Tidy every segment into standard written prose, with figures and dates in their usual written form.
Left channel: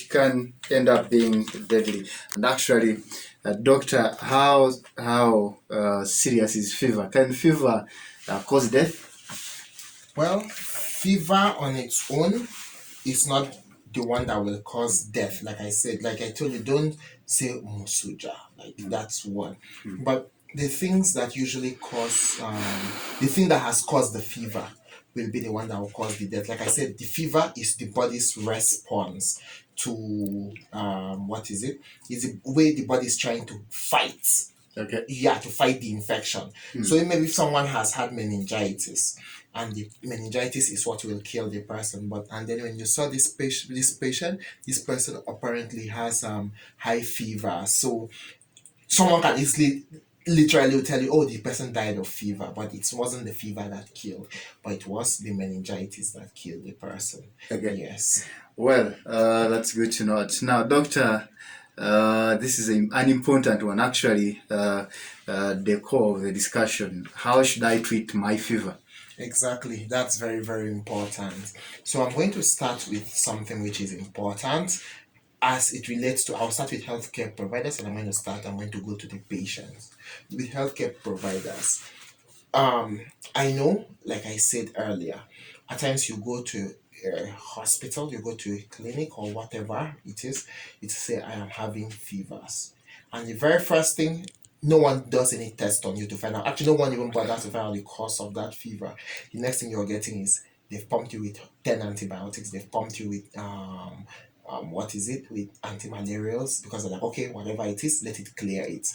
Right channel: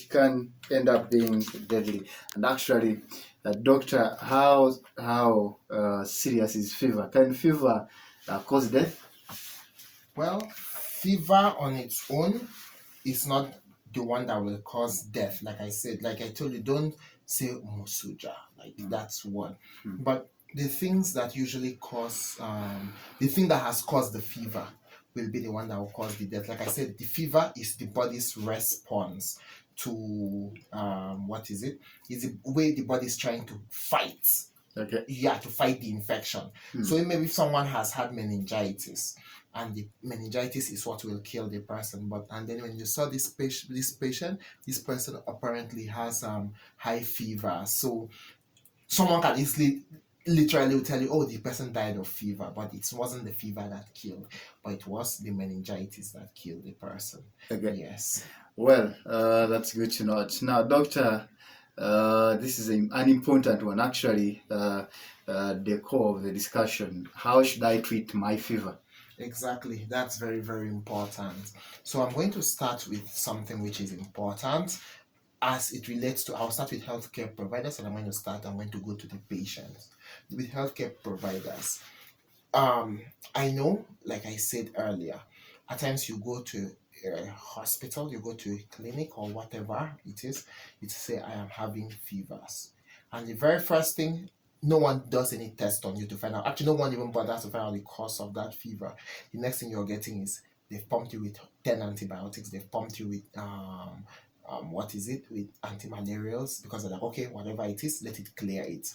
which can end up being deadly. And actually, doctor, how serious is fever? Can fever cause death? Well, fever on its own is not the one that will cause death. Like I said, like I told you, don't say musuja. Like that's one. But the things that usually cause, the thing that has caused the fever will be the one that will cause the death. Like I said, the fever is the body's response to what is it? Is the way the body is trying to fight. Okay. Yeah, to fight the infection. So maybe if someone has had meningitis, and the meningitis is what will kill the person, but and then when you saw this patient, this person apparently has high fever. So someone can easily literally will tell you, oh, the person died of fever, but it wasn't the fever that killed, but it was the meningitis that killed the person. Okay. Yes. Well, that's good to know. Now, doctor, this is an important one. Actually, the core of the discussion. How should I treat my fever? Exactly. That's very, very important. So I'm going to start with something which is important as it relates to, I'll start with healthcare providers and I'm going to go to the patients. With healthcare providers, I know, like I said earlier, at times you go to a hospital, you go to a clinic or whatever it is, it say I am having fevers. And the very first thing, no one does any test on you to find out. Actually, no one even bothers to find out the cause of that fever. The next thing you're getting is they've pumped you with 10 antibiotics, they've pumped you with what is it, with antimalarials, because they're like, okay, whatever it is, let it clear it.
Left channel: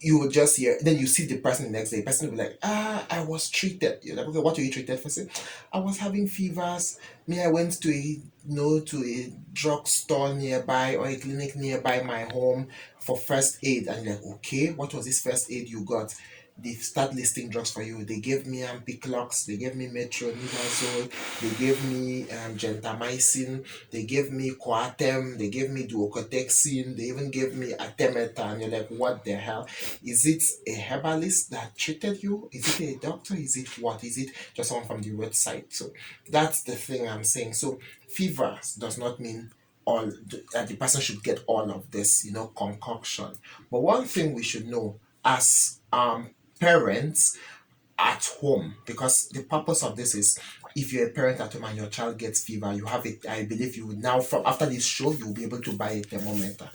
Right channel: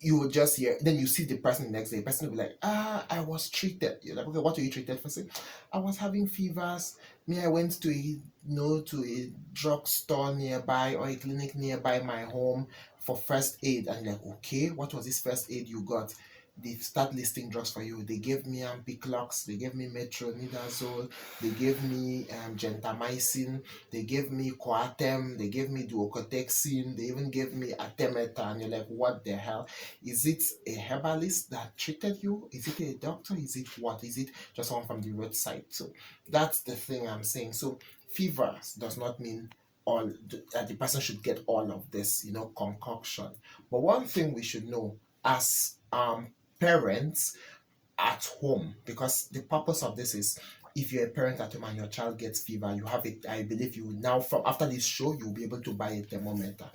You will just hear, then you see the person the next day, the person will be like, I was treated. You're like, okay, what were you treated for? Say, I was having fevers. Me, I went to a drugstore nearby or a clinic nearby my home for first aid. And you're like, okay, what was this first aid you got? They start listing drugs for you. They gave me Ampiclox, they gave me metronidazole, they gave me gentamicin, they gave me Coartem, they gave me duocotexin, they even gave me Artemether. And you're like, what the hell? Is it a herbalist that treated you? Is it a doctor? Is it what? Is it just someone from the roadside? So that's the thing I'm saying. So fevers does not mean all that the person should get all of this, concoction. But one thing we should know as parents at home, because the purpose of this is, if you're a parent at home and your child gets fever, you have it. I believe you would now, from after this show, you'll be able to buy a thermometer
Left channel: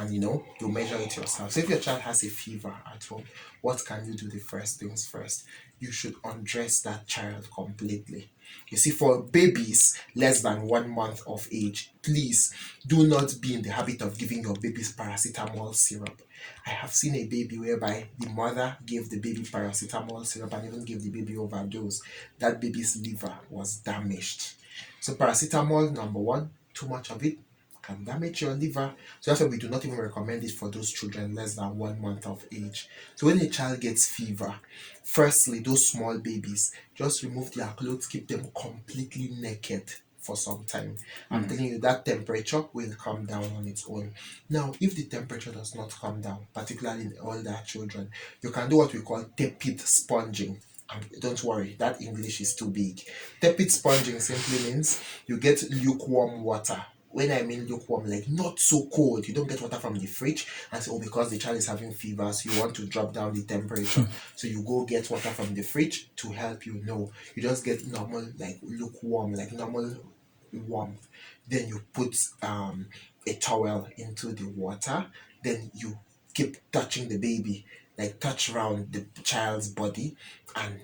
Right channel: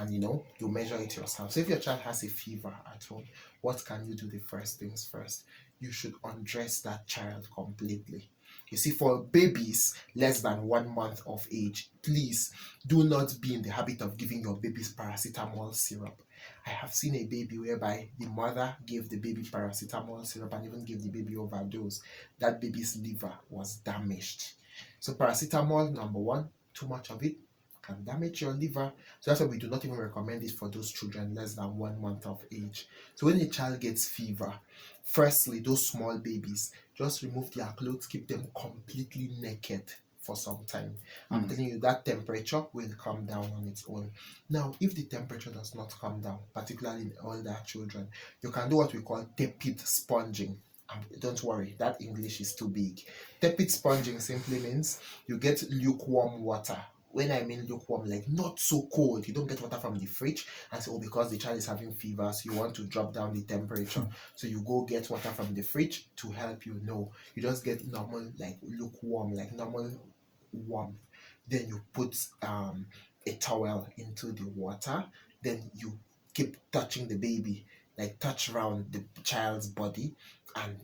and you measure it yourself. So if your child has a fever at home, what can you do? The first things first, you should undress that child completely. You see, for babies less than 1 month of age, please do not be in the habit of giving your babies paracetamol syrup. I have seen a baby whereby the mother gave the baby paracetamol syrup and even gave the baby overdose. That baby's liver was damaged. So paracetamol, number one, too much of it can damage your liver. So that's why we do not even recommend it for those children less than 1 month of age. So when a child gets fever, firstly, those small babies, just remove their clothes, keep them completely naked for some time. I'm telling you, that temperature will come down on its own. Now, if the temperature does not come down, particularly in older children, you can do what we call tepid sponging. Don't worry, that English is too big. Tepid sponging simply means you get lukewarm water. When I mean lukewarm, like not so cold. You don't get water from the fridge and say, oh, because the child is having fever, so you want to drop down the temperature. So you go get water from the fridge to help you. No, you just get normal, like lukewarm, like normal warmth. Then you put a towel into the water. Then you keep touching the baby, like touch around the child's body, and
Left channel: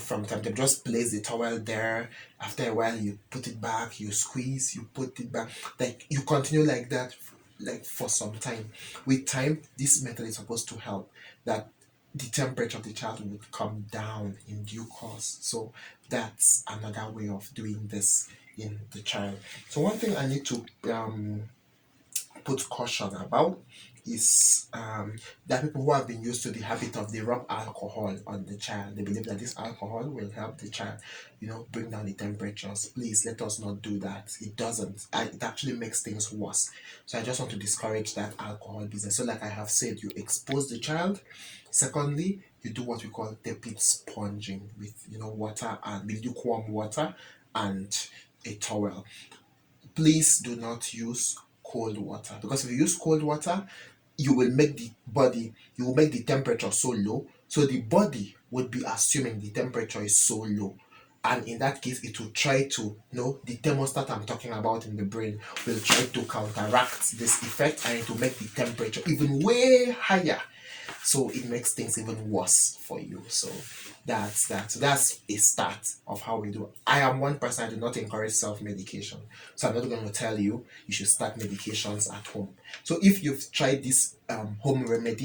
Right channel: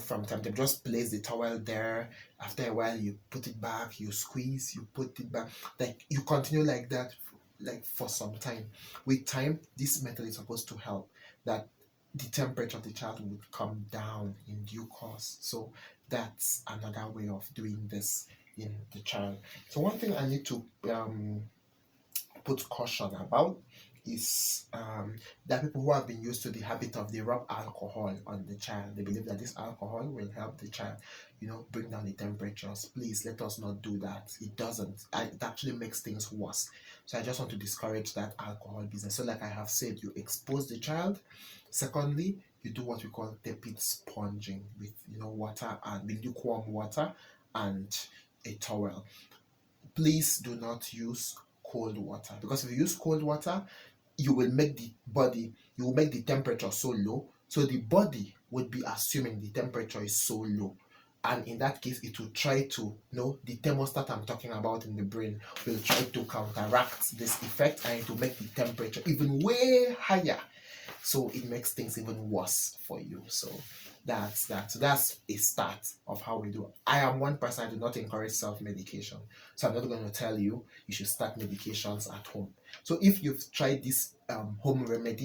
from time to time just place the towel there. After a while you put it back, you squeeze, you put it back, like you continue like that, like for some time. With time, this method is supposed to help that the temperature of the child would come down in due course. So that's another way of doing this in the child. So one thing I need to put caution about is there are people who have been used to the habit of they rub alcohol on the child. They believe that this alcohol will help the child, bring down the temperatures. Please let us not do that. It doesn't. It actually makes things worse. So I just want to discourage that alcohol business. So like I have said, you expose the child. Secondly, you do what we call tepid sponging with water and with lukewarm water and a towel. please do not use cold water, because if you use cold water, you will make the temperature so low, so the body would be assuming the temperature is so low, and in that case it will try to, the thermostat I'm talking about in the brain will try to counteract this effect, and it will make the temperature even way higher, so it makes things even worse for you. So that's a start of how we do. I am one person, I do not encourage self-medication, so I'm not going to tell you should start medications at home. So if you've tried this home remedy